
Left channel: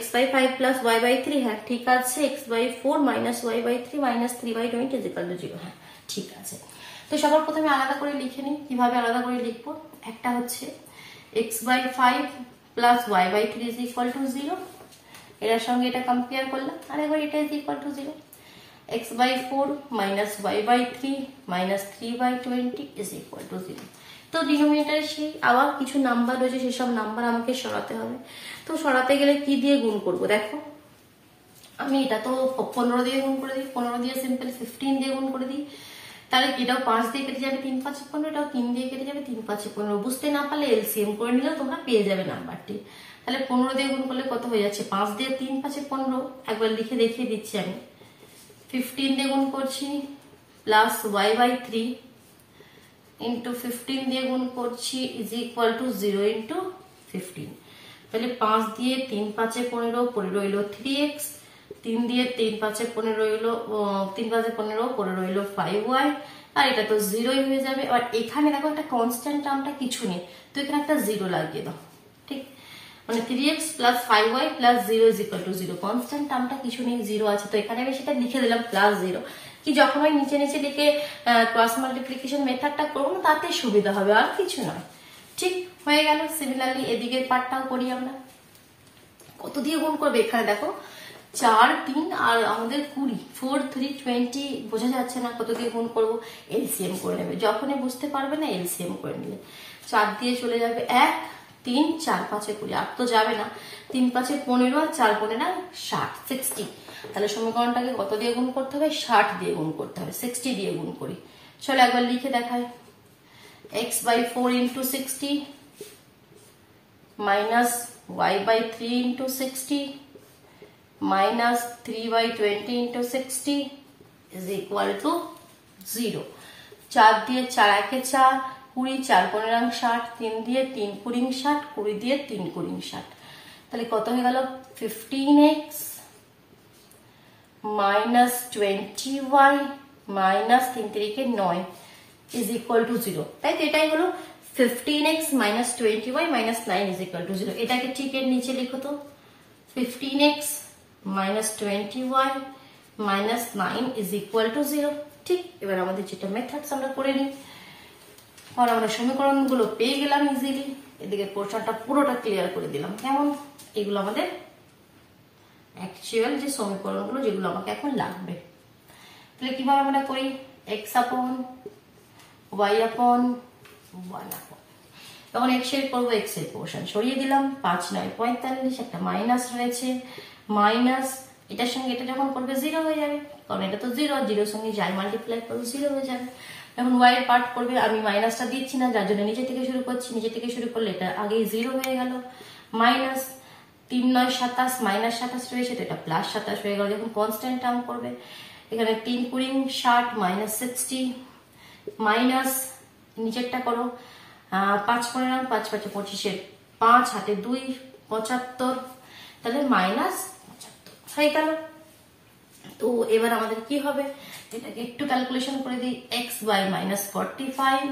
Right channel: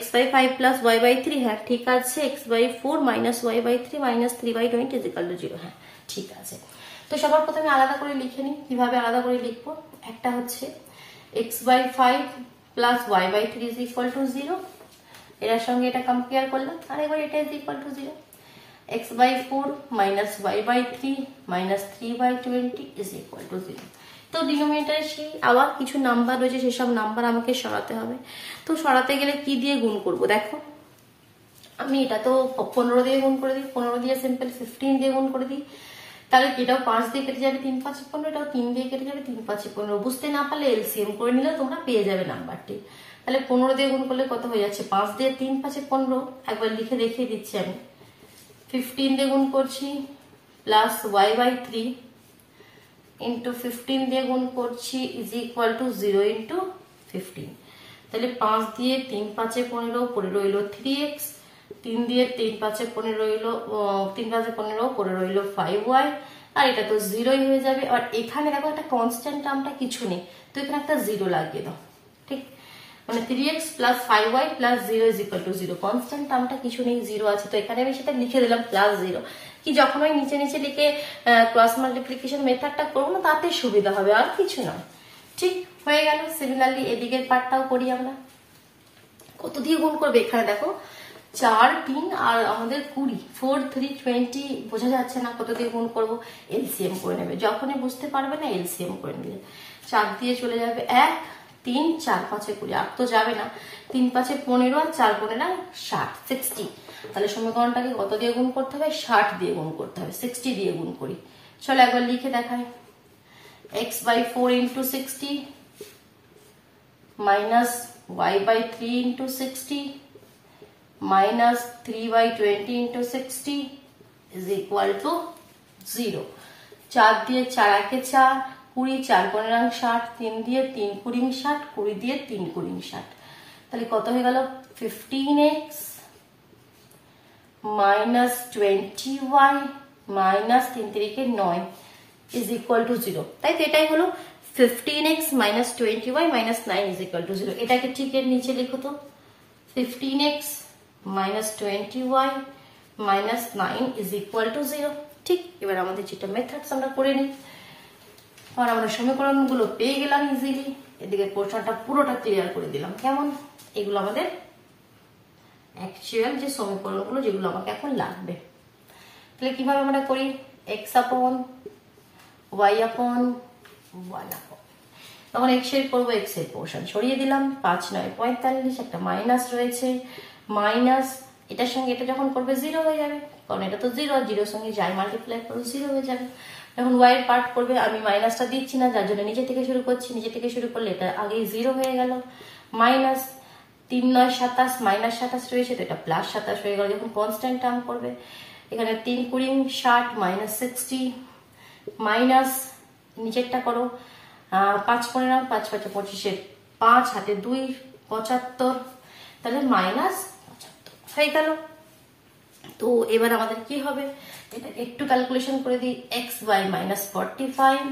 x/5 প্লাস y/3, হ্যাঁ ঠিক আছে, x/4 minus y/3 minus 3/20 is equal to 0, হ্যাঁ ঠিক আছে। তো সবার প্রথমে আলাদা করে লিখে নিই, কিভাবে আলাদা করে লিখবো, একটা হচ্ছে x/5 plus y/3 is equal to 0, এর সঙ্গে এটা কম্পেয়ার করলাম, আর এবার এটা is equal to 0, x/4 minus y/3 minus 3/20 is equal to 0। তো ডিনোমিনেটরে সেই আবার কিছু নাম্বার রয়েছে, সেসব নাম্বার আমাকে সরাতে হবে, তো সরাতে গেলে কি দিয়ে গুণ করব, দেখো আমি এটা তো 15 দিয়ে গুণ করে দিই, 15 দিয়ে সিম্পল 15 দিয়ে গুণ করে দিই, তাহলে এটাও 5 দিয়ে কেটে যাবে 3 5 15, এটাও 3 দিয়ে কেটে যাবে 3 5 15, বুঝতে না পারলে এলসিএম করে নিলে তোমরা পেয়ে যাবে নাম্বারটি। তাহলে 15 দিয়ে গুণ করলে কত হয়ে যাচ্ছে, 5 দিয়ে 3 5 15, একবার লিখে দেখিয়ে দিচ্ছি আমি, 15 দিয়ে গুণ করছি প্লাস y/3 ইন্টু 15 দিয়ে গুণ করছি ইজ ইকুয়াল টু 0 ইন্টু 15, তাহলে 5 দিয়ে 3 5 15 পড়ে রইল 3x, 3 দিয়ে 3 5 15 রইল 3 5 15 পড়ে রইল 5y, আর এটা তো 0ই হয়ে যাবে। আর এখানে দেখো একটা কনস্ট্যান্ট টার্মটা কিছু নেই, তো এখানে একটা 0 লাগিয়ে দাও, ঠিক, মানে 3x plus 5y plus 0 is equal to 0, constant টার্মটা কিছু নেই, 0 আছে, তো এখানে আমি সেটা লিখে দিলাম প্লাস 0, কি যখন আমি নিচে নিচে লিখে ক্রস মাল্টিপ্লিকেশন মেথডটা করবো না তাতে সুবিধা হবে, আর কিছু নয়, ঠিক হয়ে গেল। সিমিলারলি এদিকের পার্টটাও করি আমরা, কত দিয়ে গুণ করবে, এখানে দেখো 4 3 আর আমাদের 20, 4 3 20, বোঝা যাচ্ছে না কত দিয়ে গুণ করবো, এলসিএম করে নেবে, যখনই বুঝতে পারবে না এলসিএম করে নেবে, 4 দিয়ে চলে যাবে 1 3 4 5 20, 8 তো যাবে না, 3 5 15 আর 4 15 60, 60, তাহলে সমীকরণটাকে কত দিয়ে গুণ করতে হবে, 60 দিয়ে গুণ করতে হবে, 60 দিয়ে গুণ করি, চলো একবার লিখে দেখাই, x/4 into 60 minus y/3 into 60 minus 3/20 into 60 is equal to 0, 4 দিয়ে 4 একে 4 20, 4 15 60, 3 দিয়ে 3 20 60, 20 দিয়ে 3 20 60, তাহলে কত হয়ে গেল 15x minus 20y minus 3 3 9 is equal to 0, তাই তো এটাই হলো 15x minus 20y minus 9 is equal to 0। এটাকে ঠিক এর নিচে লিখো তো, 15x minus 20y minus 9 is equal to 0, ঠিক। এবার আমাদের যেটা মেথডস আমরা করে নিই, আর আমরা সমীকরণগুলো পেয়ে গেলাম ইজিলি। এদিকে পোর্শনটা পুরোটা ক্লিয়ার করে দিলাম। কেমন? এগুলো আমাদের অ্যাকচুয়াল যে সমীকরণগুলো যেগুলো আমাকে এখন লাগবে। তাহলে কিভাবে আমরা করি? এক্স আপন ওয়াই আপন 1 আপন, তখন এক্স এর করবো এক্স এর পোর্শন সরিয়ে দিলাম, 5 9 45, একটা মাইনাস রয়েছে, মাইনাস এটার সঙ্গে এটা যখন করবে 0 হয়ে যাবে, কারণ এটা তো 0, 0 সঙ্গে যাই মাল্টিপ্লাই করবে 0 হয়ে যাবে। এখন ওয়াই এর পার্ট করবে, আমি মাইনাসটা দিচ্ছি না যার জন্য নিচে থেকে শুরু করছি, নিচে থেকে শুরু করলে এটা আগেই 0 হয়ে গেল, মাইনাস 3 9 27, মাইনাস 27 রয়েছে তো এটা প্লাস 27 হয়ে গেল। যখন কনস্ট্যান্ট টার্ম করবে, এখানে 3 20 60 মাইনাস 60, মাইনাস নিচেরটা করো 5 15 5 5 25, 5 হাতে 2 75, তাহলে মাইনাস 75 হয়ে গেল। তো এবার আমাদের কি হবে? এটাকে একটু ক্যালকুলেশন করে দিই। X by minus 45,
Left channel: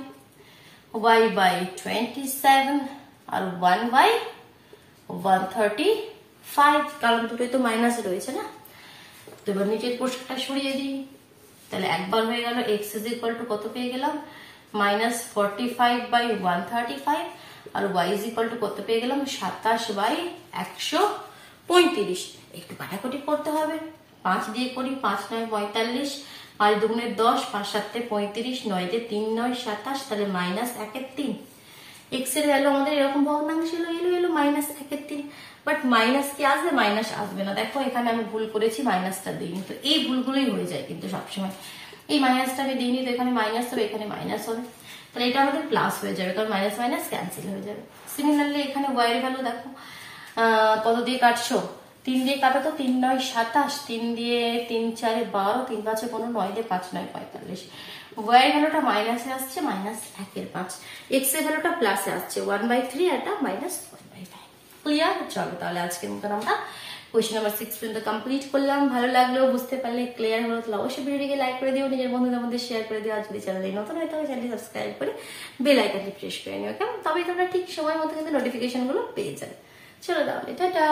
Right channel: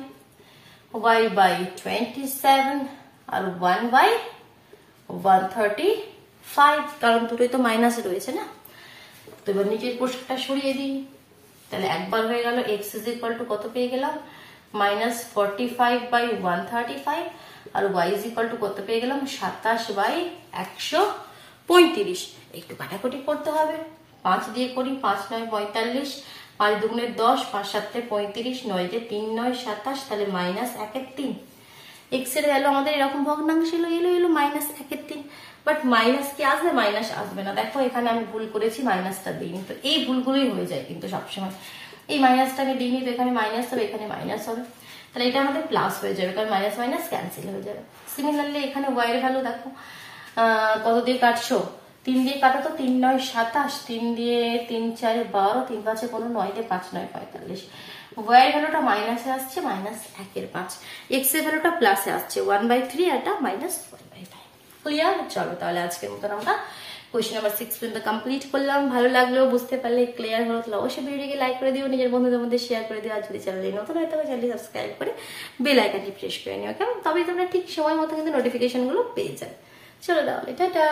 y by 27 আর 1 বাই 135, কারণ দুটোই তো মাইনাস রয়েছে না। তো এবার নিচের পোস্টটা সরিয়ে দিই, তাহলে একবার হয়ে গেল। এক্স ইজ ইকুয়াল টু কত পেয়ে গেলাম? মাইনাস 45 বাই 135, আর ওয়াই ইজ ইকুয়াল টু কত পেয়ে গেলাম? 27 বাই 135। একটু কাটাকুটি করতে হবে, 5 দিয়ে করি, 5 9 45, 5 দুগুণে 10, 5 7 35, 9 দিয়ে 3 9 27, তাহলে মাইনাস 1 এর 3। এক্স এর ভ্যালু আমাদের এরকম ভগ্নাংশ এলো মাইনাস 1 এর 3, বাট মাইনাস কি আসবে? মাইনাস আসবে না। দেখো এখানে আমি ভুল করেছি, মাইনাসটা দিইনি। তো এই ভুলগুলোই হয়ে যায় কিন্তু সবসময়। এই মাইনাসটা আমি দিইনি, তো এখানে মাইনাস হবে, এখানে মাইনাস হবে, তাহলে এটা আমাদের প্লাস হয়ে যাবে, কারণ মাইনাস মাইনাস ক্যান্সেল হয়ে যাবে। সিমিলারলি এখানে ওয়াই এর ভ্যালু দেখো কত দিয়ে কাটছো? 3 দিয়ে কাটো তো, 3 9 27, 3 দিয়ে 3 4 12, 3 5 15, 9 দিয়ে 5 9 45। ওয়াই ভ্যালুটা মাইনাসে আসছে, মাইনাস 1 এর 5। এক্স এর ভ্যালুটা প্লাসে আসছে, 1/3, আর এটা মাইনাস 1/5। ক্লিয়ার? চলো তাহলে আজকের মতন আমরা কোয়েশ্চেন নাম্বার 6 পর্যন্ত কমপ্লিট করলাম। ভালো লাগলো, বুঝতে পারলে, ক্লিয়ার হলো, তাহলে অবশ্যই ভিডিওটিকে লাইক করে দিও, নিজের বন্ধুদের মধ্যে শেয়ার করে দিও। আর যদি চ্যানেলে নতুন হয় তবে চ্যানেলটি সাবস্ক্রাইব করে বেল আইকনটি প্রেস করে নিও, কেমন? তবে তোমরা ঠিক সময় মতো কিন্তু নোটিফিকেশন গুলো পেয়ে যাবে। চলো তাহলে টাটা।